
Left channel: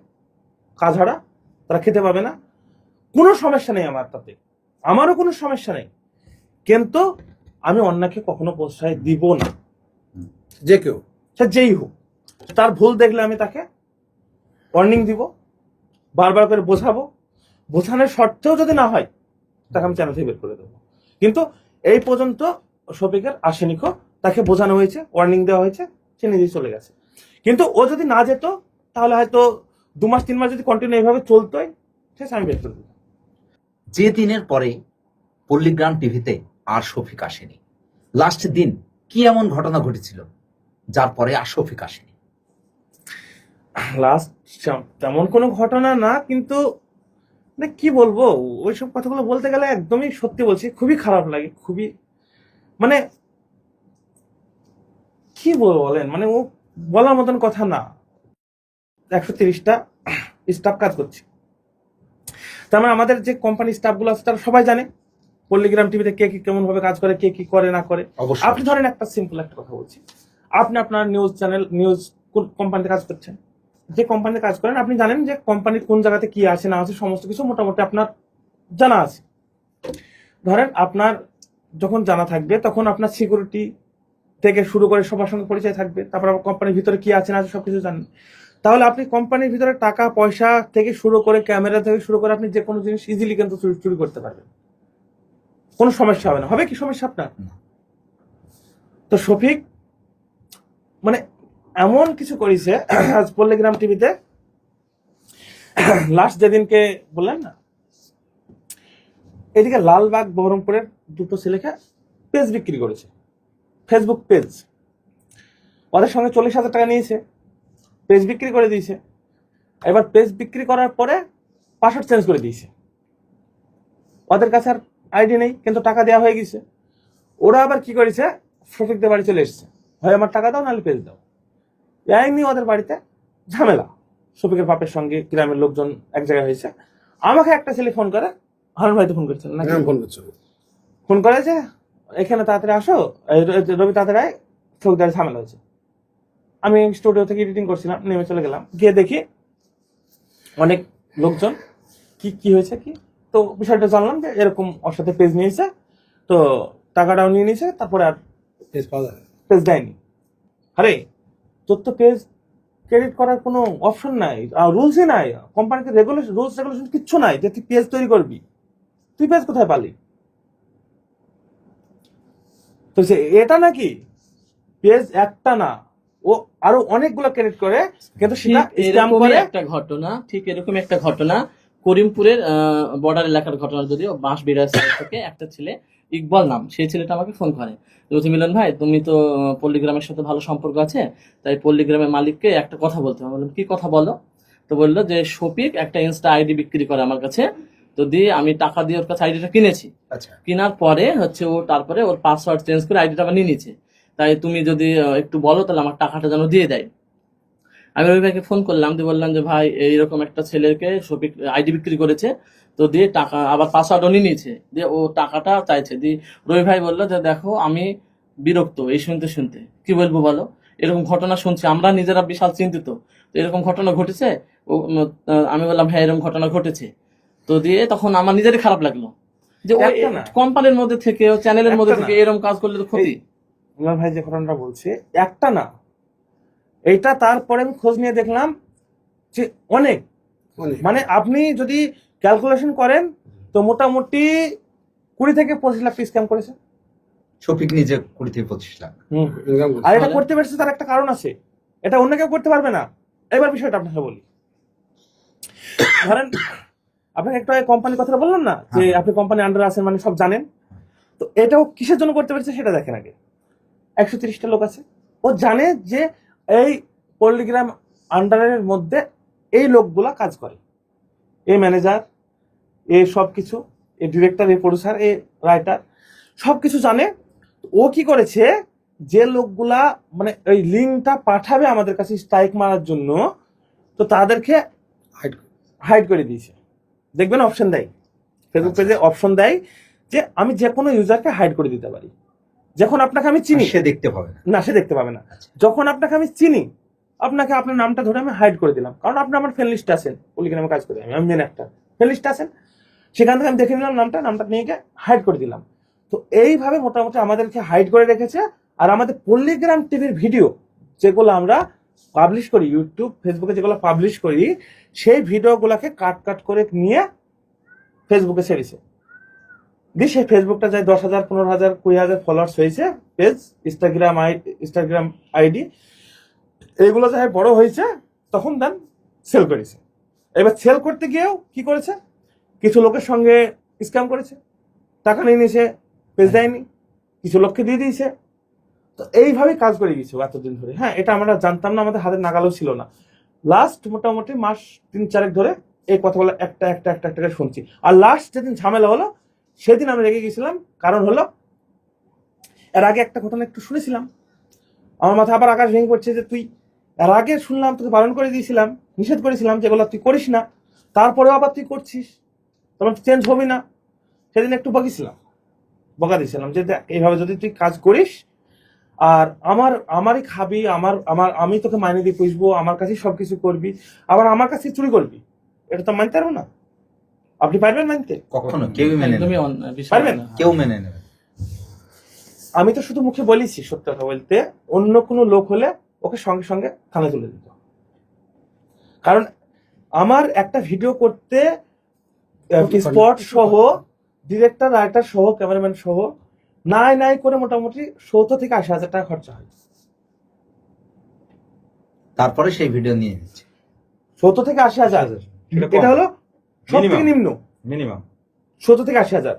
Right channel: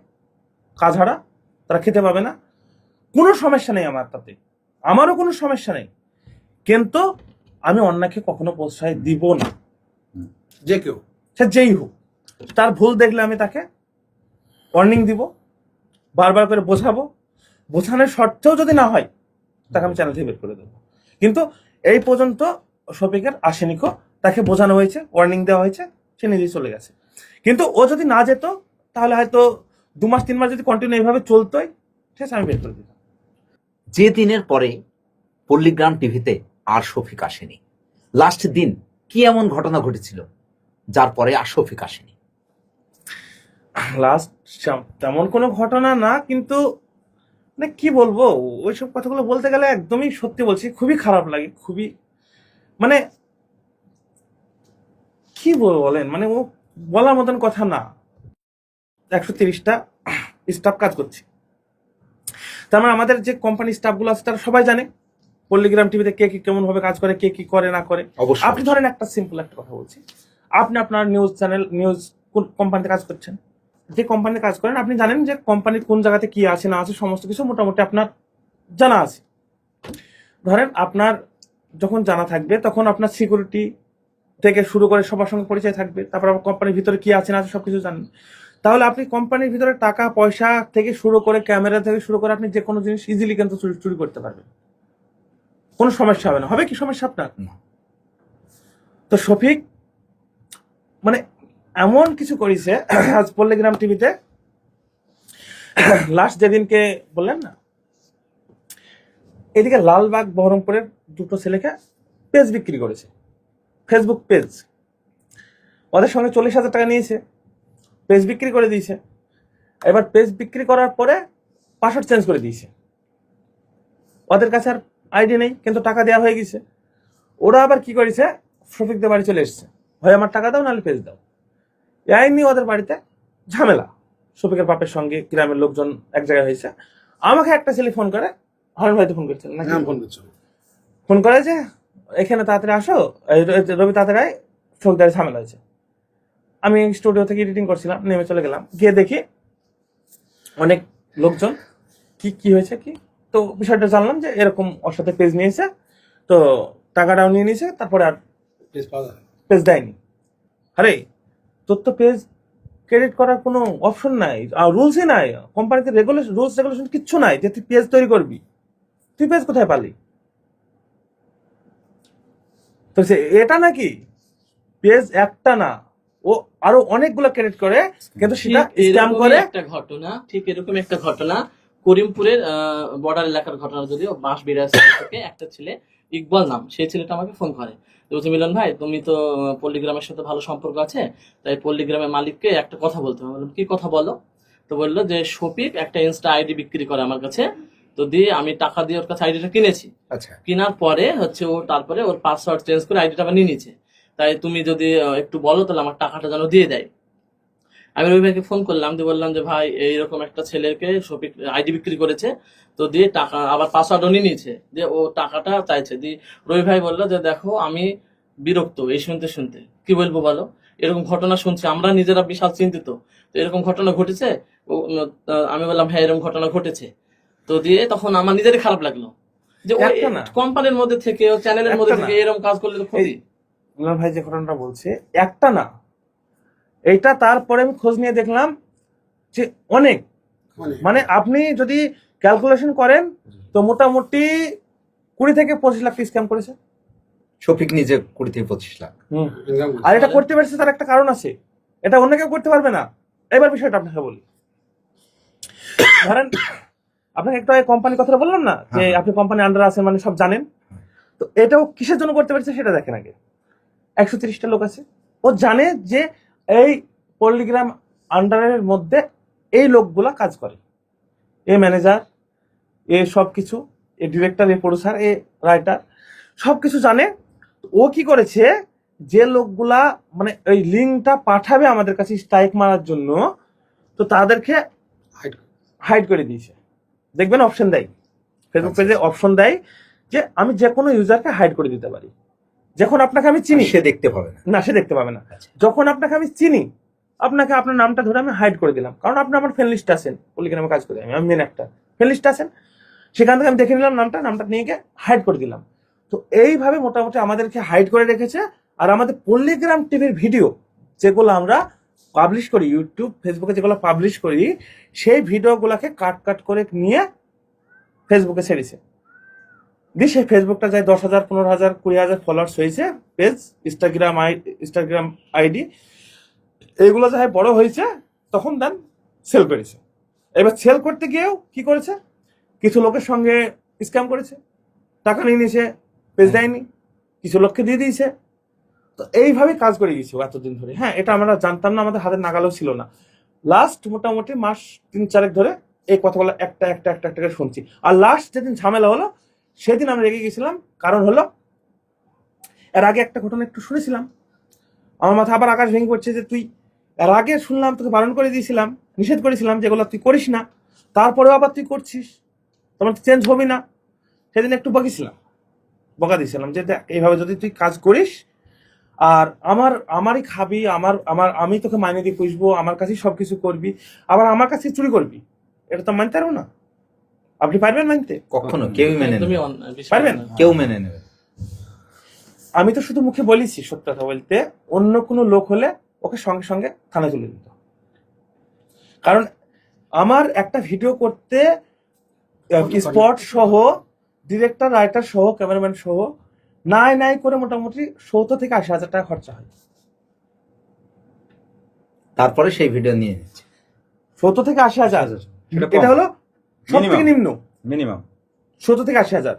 কাজ হারা তারা খেতে পাবে না। কোনো সমস্যা নেই আমার তাতে। আমারও কোনো সমস্যা নেই। কিন্তু আমি অন্যকে কখনো প্রশ্রয় দিব না। যে কেউ। সে যেই হোক। তার ভুল দেখলে আমি তাকে ওয়ার্নিং দিব। বারবার করে বোঝাবো। বোঝানোর শর্তেও যদি না হয়, তাকে আমি চ্যানেল থেকে বের করে দেবো। কিন্তু এই পর্যন্ত শফিকের আসেনিকো তাকে বোঝানো হয়েছে ওয়ার্নিং দেওয়া হয়েছে, সে নিজেই চলে গেছে। কিন্তু ও যদি না যেত, তাহলে হয়তো দু মাস, তিন মাস যদি কন্টিনিউ এইভাবে চলতোই ঠিক আছে আমি বের করে দিতাম যে দিনের পরে পল্লীগ্রাম টিভিতে আর শফিক আসেনি। লাস্ট দিন কি এমন ঘটনা ঘটেছিল, যার পরে আর শফিক আসেনি? লাস্ট তেমন কোনো ঘটনা না কিন্তু মানে কি বলব? ওইসব কথাগুলো বলতে গেলে একদমই সত্যি বলছি খুবই খারাপ লাগে খুবই মানে কি বলেন? মানে ও বলার মতন কথা না। একশো তিরিশটা স্টাফ কাজ করছে। তার মানে আমাদের যে কোম্পানি স্টাফগুলো আছে তারা সবাই জানে পল্লিগ্রাম টিভিতে কে কি কেমন ভাবে কাজ করে কে কি করে না করে। অবশ্যই। আপনি ধরেন একটা সিম্পল একটা কথা বলছি। আপনি আপনার নিউজ চ্যানেল নিউজ কোন কোম্পানিতে কাজ করছেন? যে কোম্পানিতে কাজ করেন আপনি জানেন যে কোম্পানির কোন জায়গাতে কি আছে না আছে সমস্ত কিছু মোটামুটি আপনার জানা আছে। ধরেন আপনার যখন জানা থাকবে তখন আপনার সিকিউরিটি থেকে শুরু করে সবার সঙ্গে পরিচয় থাকবে তারপর আবার কোম্পানির ভিতরে কি আছে না আছে সবকিছু জানেন। তাহলে আপনি কোম্পানির ভিতরে টাকা পয়সা থেকে শুরু করে ক্যামেরা থেকে শুরু করে আপনি যে কোনো জিনিস ইজিলি কিন্তু চুরি করতে পারবেন। কোনো সমস্যা হবে না। হবে কি সমস্যা আপনার। তো শফিক মানে এমন কিছু করেছে, আজ পল্লিগ্রাম টিভিতে। লাস্ট যেদিনকে বললেন না, এদিকে লালবাগ বহরমপুরের দুটো ছেলেকে পেজ বিক্রি করেছে ফেসবুক পেজ ওদের সঙ্গে চল্লিশ হাজার টাকা নিয়েছে, পেজ বিক্রি করে দিয়েছে। এবার পেজ বিক্রি করার পরে পাসওয়ার্ড চেঞ্জ করে দিয়েছে। ওদের কাছে আর আইডি নেই, কিন্তু টাকা দেওয়া হয়ে গেছে। ওরা আবার কি করেছে, শফিকদের বাড়ি চলে এসছে। হয় আমার টাকা দাও, নাহলে পেজ দাও। এই নিয়ে ওদের বাড়িতে ঝামেলা। শফিকের বাপের সঙ্গে গ্রামের লোকজন এক জায়গায় হয়েছে। আমাকে একটা ছেলে ফোন করে হারুন ভাইতে ফোন করছেন নাকি? নাম ফোন করছ ফোন করে যে এখানে তাড়াতাড়ি আসো রবি তাড়াতাড়ি চৌকদারে ঝামেলা হয়েছে। আমি স্টুডিও থেকে এডিটিং করছিলাম নেমে চলে গেলাম। গিয়ে দেখি অনেক লোকজন কি কি হয়েছে কি? তো বিষয়টা জানলাম যে এরকম ওর সাথে পেজ নিয়েছে তো টাকাটাও নিয়ে নিয়েছে তারপরে আর পেজ দেয়নি। আরে তোর তো পেজ ক্রেডিট করার কোনো অপশন নাই আর রুলসই নাই। কোম্পানিতে রেগুলেশন রুলস রেগুলেশন কিচ্ছু নাই যে তুই পেজ তৈরি করবি। তুই পেজ কোথায় পালি? তো সে এটা নাকি? পেজ একটা না। ও আরও অনেকগুলো ক্রেডিট করে কিন্তু সেটা স্ক্যাম করে। একটা ঘটনা ঠিক এরকম একটা ঘটনা। করিমপুরের বর্ডার এলাকার ঘটনা যদিও বাঁশ বিরাজ থেকে একটা ছেলে ইকবাল নাম সেই ছেলেটা আমাকে ফোন করে। রুচি মিলন ভাই তুমি তো পল্লীগ্রামের সাথে ভালো সম্পর্ক আছে তাই পল্লিগ্রামের মালিককে একটা কথা বলতে হবে। বললাম কি কথা বলো? তো বলল যে শফিক একটা ইনস্টা আইডি বিক্রি করে আমার কাছে। তো দিয়ে আমি টাকা দিয়ে ওর কাছে আইডিটা কিনেছি। আচ্ছা। কেনার পরে হচ্ছে ও তারপরে ওর পাসওয়ার্ড চেঞ্জ করে আইডিটা আবার নিয়ে নিচ্ছে তাই তুমি যদি একটু বলো তাহলে আমার টাকাটা যেন দিয়ে দেয়। আমি রবি ভাইকে ফোন করলাম দিয়ে বললাম যে ভাই এইরকম একটা ছেলেকে শপিক আইডি বিক্রি করেছে। তো দিয়ে টাকা আবার পাসওয়ার্ডও নিয়ে নিয়েছে। দিয়ে ও টাকাটা চাইছে। দিয়ে রবি ভাই বলল যে দেখো আমি বিরক্ত এই শুনতে শুনতে। কি বলব বলো? এরকম ঘটনা শুনছি। আমরা নিজেরা বিশাল চিন্তিত। তো এরকম ঘটনা ঘটেছে? ও আমি বললাম হ্যাঁ এরকম ঘটনা ঘটেছে। তো দিয়ে তখন আমার নিজেরই খারাপ লাগল। যে। কোম্পানির মধ্যে থেকে চ্যানেলের মধ্যে থেকে এরকম কাজ করলে তো ক্ষতি। ভাই যে ঘটনাটা বলছে একটা না। এটা তারপরে আমি খোঁজ নিয়ে দেখলাম যে অনেক। মানে আপনি যদি ক্যালকুলেশন করেন তো মোটামুটি কুড়ি থেকে পঁচিশ লাখ স্ক্যাম করেছে। শফিক নিজে কুড়ি থেকে পঁচিশ লাখ। আর এটা করতে পারছে তার একটা কারণ আছে। এটা অন্য কেউ করতে পারবে না। এবার বিষয়টা আপনাকে বলি। ধরেন আপনাকে একটা কোম্পানির কথাটা বললাম না? যে হ্যাঁ। আপনি কোম্পানি আন্ডার আছেন মানে সব জানেন। তো এটাও কিসের জন্য করতে পারছে সেটা দেখেন আগে। একশো তিরিশটা লোক আছে। ও জানে যে এই পল্লিগ্রাম আন্ডারের মধ্যে এই লোকগুলা কাজ করে। এই ম্যানেজার এ সব কিছু এ ডিরেক্টর এ প্রডিউসার এ রাইটার সব কিছু জানে। ও কি করেছে? যে লোকগুলা মানে ওই লিঙ্কটা পাঠাবে আমাদের কাছে স্ট্রাইক মারার জন্য তো তাদেরকে হাইড করে দিয়েছে। দেখবেন অপশন দেয়। ফেসবুক পেজে অপশন দেয় যে আমি যে কোনো ইউজারকে হাইড করে দিতে পারি। যখন আপনাকে আমি চিনি। সে দেখতে পাবে না। না সে দেখতে পাবে না। আচ্ছা। যখন আপনাকে আমি চিনি আপনাকে আপনার নামটা ধরে আমি হাইড করে দিলাম। কারণ আপনি আমার ফ্রেন্ড লিস্টে আছেন। পলিগ্রামে কাজ করি আমি আমি মেন একটা ফ্রেন্ড লিস্টে আছেন। সেখান থেকে আমি দেখে নিলাম নামটা নামটা নিয়ে গিয়ে হাইড করে দিলাম। তো এইভাবে মোটামুটি আমাদেরকে হাইড করে রেখেছে। আর আমাদের পল্লিগ্রাম টিভির ভিডিও যেগুলো আমরা পাবলিশ করি ইউটিউব ফেসবুকে যেগুলো পাবলিশ করি, সেই ভিডিওগুলোকে কাট কাট করে নিয়ে ফেসবুকে ছেড়েছে দিয়ে সেই ফেসবুকটা যায় দশ হাজার, পনেরো হাজার, কুড়ি হাজার ফলোয়ার্স হয়েছে। Page Instagram I Instagram ID এইগুলো যাই বড় হয়েছে, তখন দেন সেল করেছে। এবার সেল করতে গিয়েও কি করেছে? কিছু লোকের সঙ্গে স্ক্যাম করেছে। টাকা নিয়ে নিয়েছে পেজ দেয়নি, কিছু লোককে দিয়ে দিয়েছে। তো এইভাবেই কাজ করে গেছে এতদিন ধরে। হ্যাঁ এটা আমরা জানতাম না, আমাদের হাতের নাগালও ছিল না। লাস্ট মোটামুটি মাস তিন চারেক ধরে এই কথাগুলো একটা একটা একটা একটা করে শুনছি। আর লাস্ট যেদিন ঝামেলা হলো, সেদিন আমি রেগে গেছিলাম কারণ হলো, এর আগে একটা ঘটনা একটু শুনেছিলাম। আমার মাথা আবার আকাশ ভেঙে পড়ছে যে তুই এর আগে শুনলাম তোকে বারণ করে দিয়েছিলাম নিষেধ করেছিলাম যেগুলো তুই করিস না তারপরেও আবার তুই করছিস তোমার চেঞ্জ হবি না। সেদিন একটু বকেছিলাম বকা দিয়েছিলাম যে দেখ, এইভাবে যদি তুই কাজ করিস আর আমার আমারই খাবি আমার আমার আমি তোকে মাইনে দিয়ে পুষবো আমার কাছেই সব কিছু করবি আবার আমার কাছে চুরি করবি এটা তো মানতে পারব না। আপনি পারবেন মানতে? কখনো কেউই মেনে পারবেন? কেউ মেনে নেবে আমি তো শুধু মুখে বলেছি সত্য কথা বলতে অন্য কোনো লোক হলে ওকে সঙ্গে সঙ্গে থানায় তুলে দিত। কারণ আমার একটা ভিডিও করতে স্পট সহ ডিরেক্টর রাইটার সহ ক্যামেরাম্যান সহ নাই নাই করে মোটামুটি সত্তর থেকে আশি হাজার টাকা খরচা হয়। তারপরে সেই ভিডিও নিয়ে নিচ্ছে। সত্তর থেকে আশি হাজার। এটা হলো সব থেকে নিম্ন। মিনিমাম সত্তর থেকে আশি হাজার।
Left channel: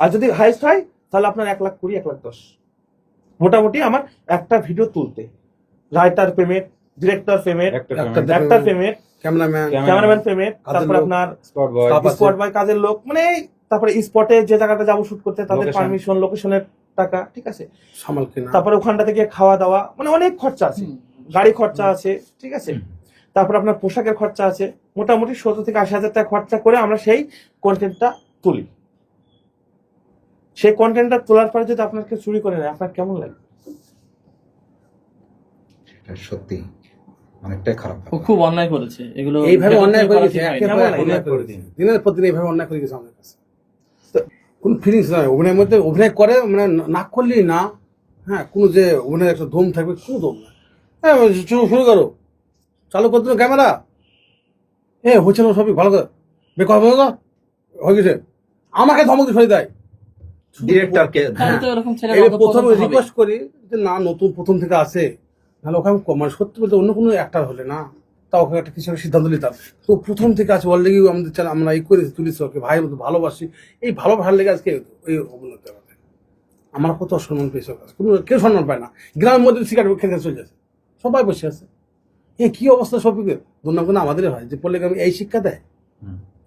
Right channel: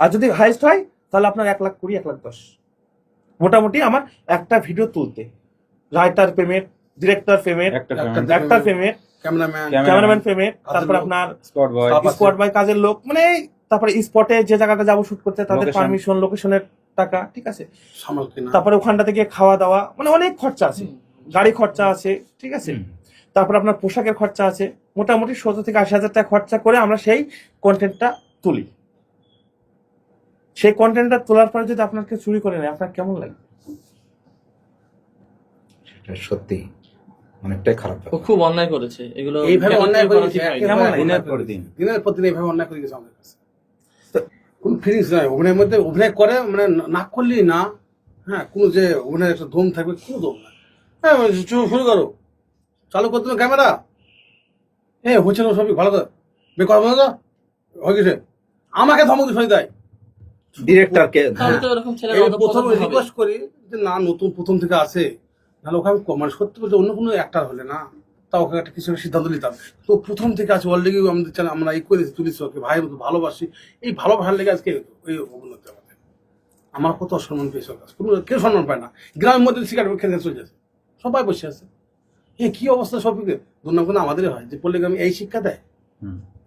আর যদি হাইস্ট হয় তাহলে আপনার এক লাখ কুড়ি এক লাখ দশ। মোটামুটি আমার একটা ভিডিও তুলতে। রাইটার পেমেন্ট ডিরেক্টর পেমেন্ট একটা একটা- পেমেন্ট ক্যামেরাম্যান ক্যামেরাম্যান পেমেন্ট তারপর আপনার স্পট বয় বাই কাজের লোক মানে তারপরে স্পটে যে জায়গাটা যাব শুট করতে তাদের পারমিশন লোকেশনের টাকা ঠিক আছে? তারপরে ওখানটা থেকে খাওয়া দাওয়া মানে অনেক খরচা আছে। গাড়ি খরচা আছে ঠিক আছে। তারপর আপনার পোশাকের খরচা আছে মোটামুটি সত্তর থেকে আশি হাজার টাকা খরচা করে আমরা সেই কন্টেন্টটা তুলি। সেই কন্টেন্টটা তোলার পরে যদি আপনাকে চুরি করে নেয় আপনার কেমন লাগে? সত্যি অনেকটাই খারাপ খুব অন্যায় করেছে। এগুলো এইভাবে অন্যায় করে করা গেছে ঠিক হয়নি। কেমন একেবারে লাগে? অন্যায় করে দিন দিনের পর দিন এইভাবে অন্যায় করে গেছে আমাদের কাছে। কোন ফিলিংস নাই। অভিনয়ের মধ্যে অভিনয় করে মানে না করলেই না। হ্যাঁ কোনো যে অভিনয়ের একটা দম থাকবে কোনো দম না হ্যাঁ শুরু শুরু করো। চালু করতে ক্যামেরা হ্যাঁ হচ্ছে না সবই ভালো করে। বেকার হয়ে গেছে। আমাকে ধমক দিয়ে দেয়। ডিরেক্টরকে এই প্রথম রিকোয়েস্ট করি যে না নতুন প্রথম থেকে আসে নাহলে ওকে আমি মানে সত্যি বলতে অন্য কোনো একটা হলে না। তা ওকে একটা কিছু সিদ্ধান্ত নিতাম। তো প্রথম থেকে আছে অলরেডি আমাদের চ্যানেল আমরা এই করেছি তুলিছি ওকে। ভাই মতো ভালোবাসি। এই ভালোবাসার লেগে আজকে ওই অবনতি আমাদের আমার কত সম্মান পেয়েছে কাছে। কোনো কেউ সম্মান পায় না। গ্রামের মধ্যে সিগারেট খেতে চলে যাচ্ছে। সবাই বসে আছে। এই কি অবস্থা সবকে দুর্নাম আমাদের হয়। যে পড়লে আমি এই শিক্ষা দেয়।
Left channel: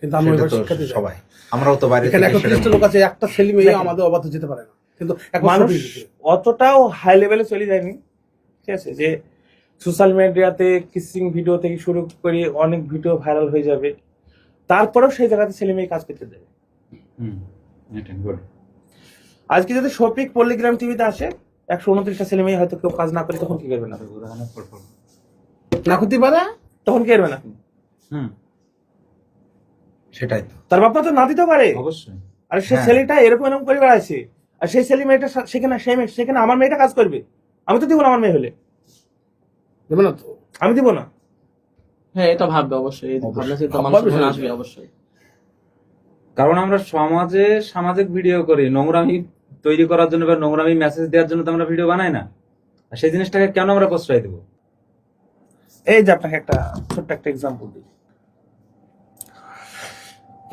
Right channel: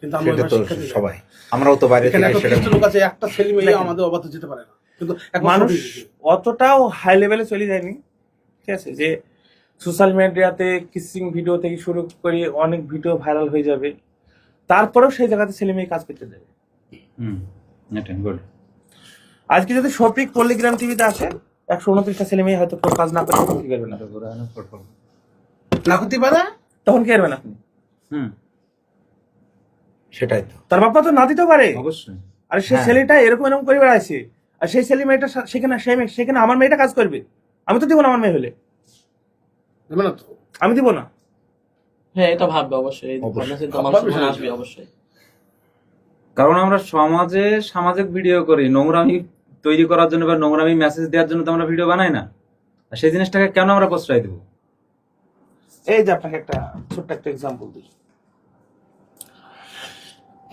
কিন্তু আমরা সেটা এবার শিক্ষা দিই সবাই। আমরাও তো বাইরে এখানে একটা লোক আছে একটা ছেলে মেয়ে আমাদের অবাধ যেতে পারে না। কিন্তু মানুষ অতটাও হাই লেভেলে চলে যায়নি। ঠিক আছে? যে সোশ্যাল মিডিয়াতে কিসিং ভিডিও থেকে শুরু করে অনেক ভিডিও ভাইরাল হয়ে যাবে। তারপরেও সেই জায়গাতে ছেলে মেয়ে কাজ করতে দেবে। হুম এটা আজকে যদি শফিক পল্লিগ্রাম টিভিতে আসে একশো উনত্রিশটা ছেলে মেয়ে হয়তো কাজ না করে তখন কি করবে না? না করতে পারে তখন কি করবে না? হুম। সেটাই তো। তার বাবা তো না দিতে পারে। অবশ্যই। আর সেই হ্যাঁ। ছেলেটা এরকম এরকম করে বেড়াচ্ছে। আর সেই ছেলে মেয়েটা সেখানে সেই মেয়ে- সেখানে আমার মেয়েটা কাজ করবে। আমি তো দিব না আমার মেয়ে হলে। দেবে না তো? আমি দিব না। হ্যাঁ এটা ভাববে অবশ্যই। আসবে অবশ্যই। কারণ আমরা সমাজে সামাজিক ভিডিও করি। নোংরামি তৈরি করার জন্য বা নোংরামি মেসেজ দেওয়ার জন্য তো আমরা ভিডিও বানাই না। আর সেই জিনিসটাকে কেন আমরা প্রশ্রয় দেবো? এই যে আপনাকে একটা ছোট্ট একটা এক্সাম্পল দিই।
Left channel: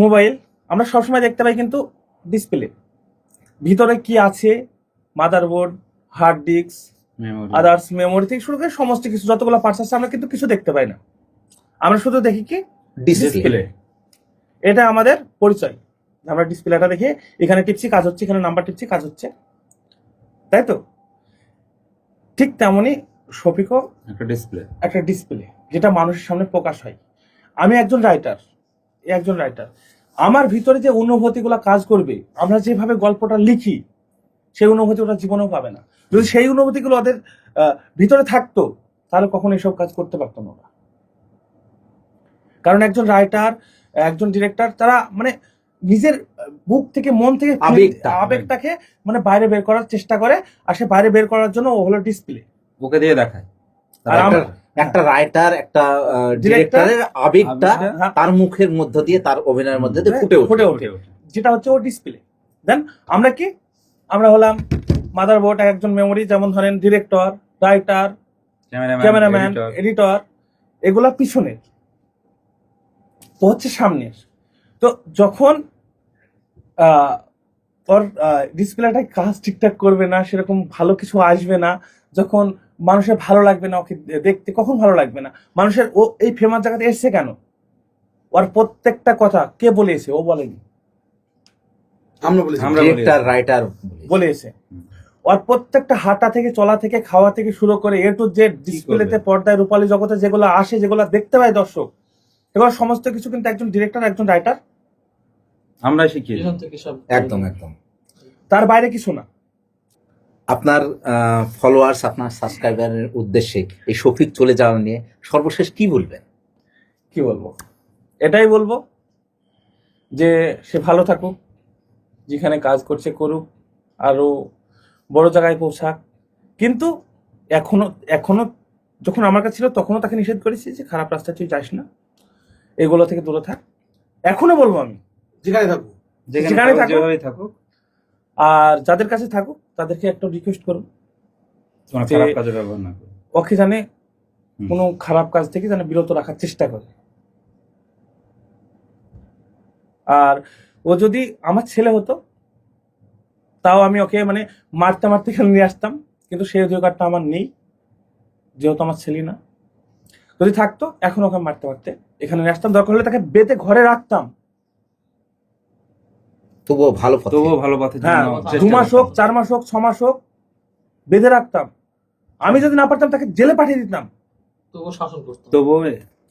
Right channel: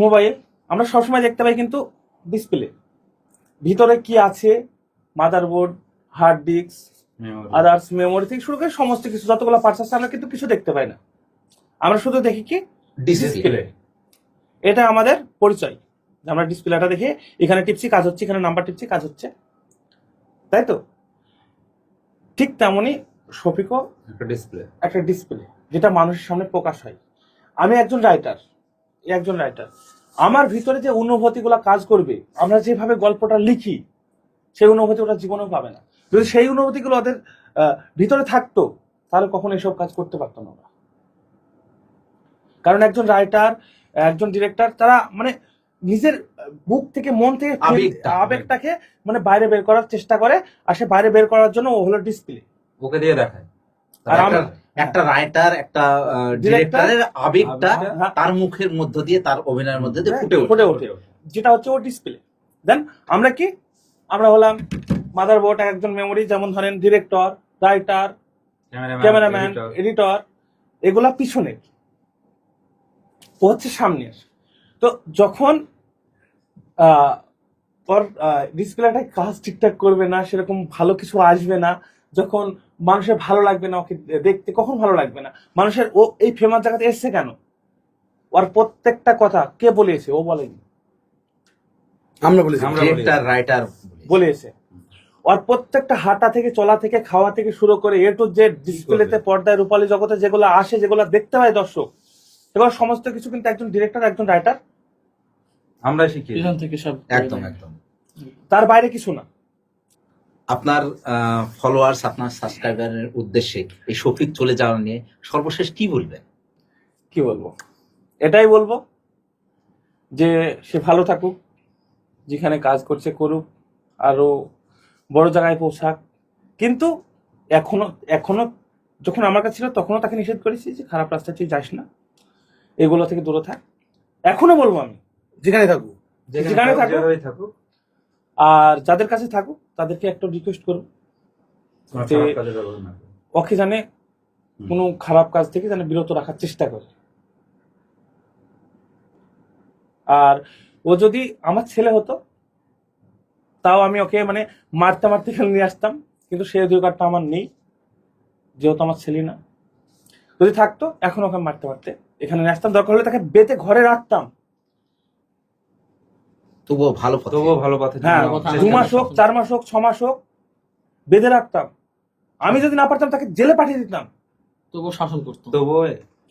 মোবাইল আমরা সবসময় দেখতে পাই কিন্তু ডিসপ্লে। ভিতরে কি আছে? Motherboard hard disk others memory থেকে শুরু করে সমস্ত কিছু যতগুলো পার্টস আছে আমরা কিন্তু কিছু দেখতে পাই না। আমরা শুধু দেখি কি? ডিসপ্লে এটা আমাদের পরিচয়। আমরা ডিসপ্লেটা দেখে এখানে টিপছি কাজ হচ্ছে এখানে নাম্বার টিপছি কাজ হচ্ছে। তাই তো? ঠিক তেমনই শফিকও একটা ডিসপ্লে একটা ডিসপ্লে যেটা মানুষের সামনে প্রকাশ হয়। আমি একজন রাইটার একজন রাইটার আমার ভিতরে যে অনুভূতিগুলো কাজ করবে আমরা যেভাবে গল্পটা লিখি সেই অনুভূতি ওরা জীবনেও পাবে না। যদি সেই অনুভূতিগুলো ওদের ভিতরে থাকতো তাহলে কখনো এসব কাজ করতে পারতো না ওরা। কারণ একজন রাইটার একজন ডিরেক্টর তারা মানে নিজের বুক থেকে মন থেকে আবেগটাকে মানে বাইরে বের করার চেষ্টা করে আর সে বাইরে বের করার জন্য ও হলো ডিসপ্লে ওকে দিয়ে দেখায়। আর একটা- রাইটার একটা ডিরেক্টরের আবেগটা হ্যাঁ। তার মুখের মধ্য দিয়ে তার অভিনয়ের মধ্যে দিয়ে ফুটে ওঠে ফুটে ওঠে। যেটা হচ্ছে ও ডিসপ্লে দেন আমরা কি? আমরা হলাম মাদার বোর্ড একজন মেমোরি যেমন ধরেন ডিরেক্টর রাইটার ক্যামেরাম্যান এডিটর এগুলা পিছনের ও হচ্ছে সামনের। তো যখন আহ, ওর ডিসপ্লেটা কাজ ঠিকঠাক করবে না সেরকম ভালো কিছু আসবে না যখন মানুষের ভালো লাগবে না ওকে দেখতে কখন ভালো লাগবে না? মানুষের ও এই ফেমাস জায়গাতে এসছে কেন? ওর প্রত্যেকটা কথা কে বলেছে? ও বলেনি। আমরা বলি ডিরেক্টর রাইটার বলেছে। ওর প্রত্যেকটা হাঁটা থেকে চলা থেকে খাওয়া থেকে শুরু করে এ টু জেড ডিসপ্লেতে পর্দায় রূপালী জগতে যেগুলো আসে যেগুলো দেখতে পায় দর্শক এগুলো সমস্ত কিছু কিন্তু একজন ডিরেক্টর একজন রাইটার আমরা শিখি থেকে সব একদম একদম। তার বাইরে কিছু না। আপনার ফলোয়ার্স আপনার সাবস্ক্রাইবারের উদ্দেশ্যে এই শফিক চলে যাওয়া নিয়ে সর্বশেষ কি বলবেন? কি বলব? এটাই বলব যে সে ভালো থাকুক যেখানে কাজ করছে করুক আরও বড় জায়গায় পৌঁছাক। কিন্তু এখনও এখনও যখন আমার কাছে ছিল তখনও তাকে নিষেধ করেছি যে খারাপ রাস্তা তুই যাস না। এগুলো থেকে দূরে থাক। এখনও বলব আমি। যেখানে থাকুক যেখানে। থাকুক। আর যাদের কাছে থাকুক তাদেরকে একটা রিকোয়েস্ট করব যে-। ওকে জানে কোনো খারাপ কাজ থেকে যেন বিরত রাখার চেষ্টা করে। আর ও যদি আমার ছেলে হতো তাও আমি ওকে মানে মারতে মারতে এখানে নিয়ে আসতাম কিন্তু সেই অধিকারটা আমার নেই যেহেতু আমার ছেলে না। যদি থাকতো এখন ওকে মারতে মারতে এখানে নিয়ে আসতাম। দরকার হলে তাকে বেঁধে ঘরে রাখতাম। তবুও ভালো পথে। তবুও ভালো পথে হ্যাঁ চেষ্টা দু মাস হোক চার মাস হোক ছ মাস হোক বেঁধে রাখতাম। আমি যদি না পারতাম তাকে জেলে পাঠিয়ে দিতাম। তবুও শাসন করতো। তবুও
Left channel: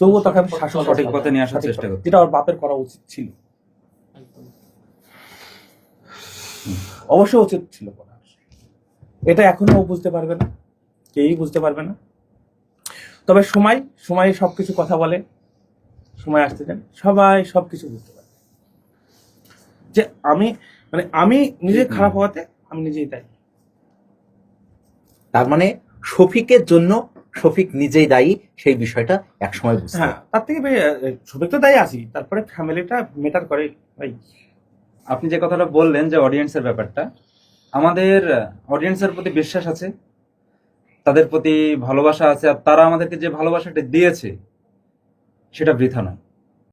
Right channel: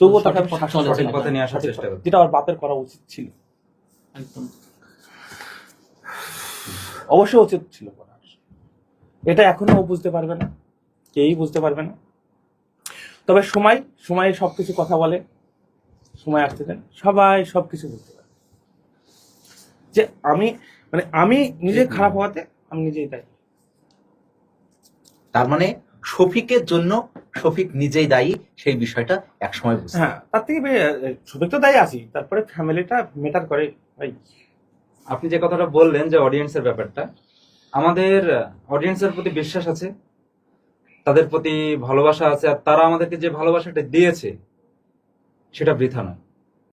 তবুও তাকে আমি সঠিক শাসন পথে করতাম। পথে নিয়ে আসার সঠিক চেষ্টা পথে। করতাম। যেটা ওর বাপের করা উচিত ছিল। একদম। অবশ্যই উচিত ছিল এটা এখনও ও বুঝতে পারবে না। কেউই বুঝতে পারবে না। তবে সময় সময় সবকিছু কথা বলে। সময় আসতে দেন। সবাই সবকিছু বুঝতে পারবে। যে আমি মানে আমি নিজে খারাপ হওয়াতে আমি নিজেই তাই তার মানে শফিকের জন্য শফিক নিজেই দায়ী সেই বিষয়টা একসময় বুঝতে হ্যাঁ তার থেকে সবাই তো দায়ী আছি তারপরে ফ্যামিলিটা মেটার করে ভাই আপনি যে কথাটা বললেন যে অডিয়েন্সের ব্যাপারটা আমাদের অডিয়েন্সের প্রতি বিশ্বাস আছে তাদের প্রতি ভালোবাসা আছে আর তারা আমাদেরকে যে ভালোবাসাটা দিয়েছে সেটা বৃথা নয়।